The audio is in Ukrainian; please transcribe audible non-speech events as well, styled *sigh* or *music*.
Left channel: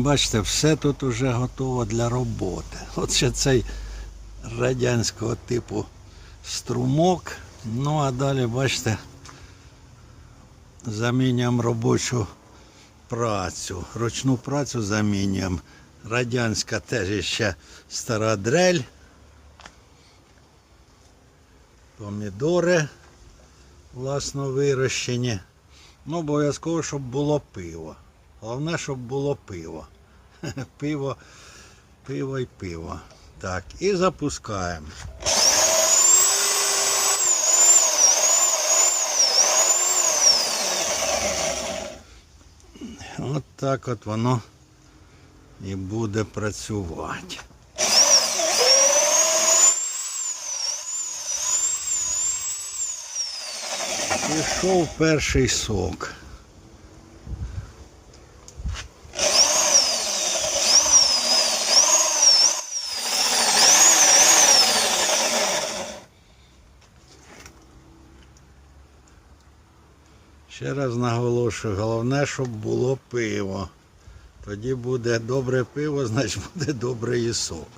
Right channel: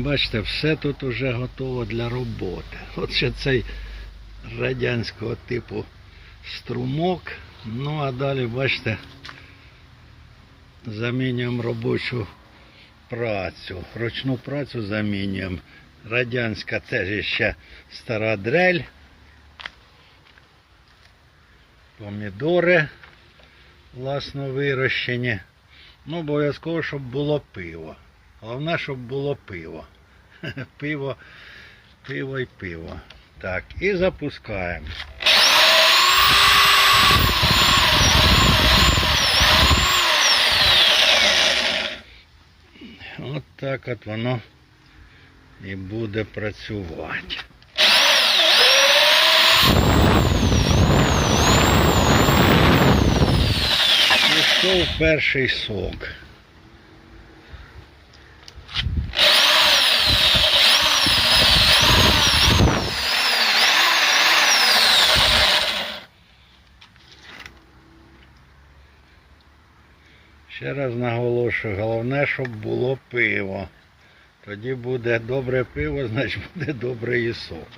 Бачите, все тут уже готово для роботи. От ще цей радянського типу струмок. Ну а далі, бачите, замінюємо робочу працю. Ручну працю замінюємо. Радянська теж ще стара дрель. Помідори власно вирощені. Ну, обов'язково, щоб було пиво. Головне, щоб було пиво. *laughs* Пиво, пиво і пиво. Так, і запускаємо. От так от воно і буде працювати. Пішов перший сок. Ще раз наголошую, головне, щоб було пиво. Тоді буде добре пиво, значить буде добрий і сок.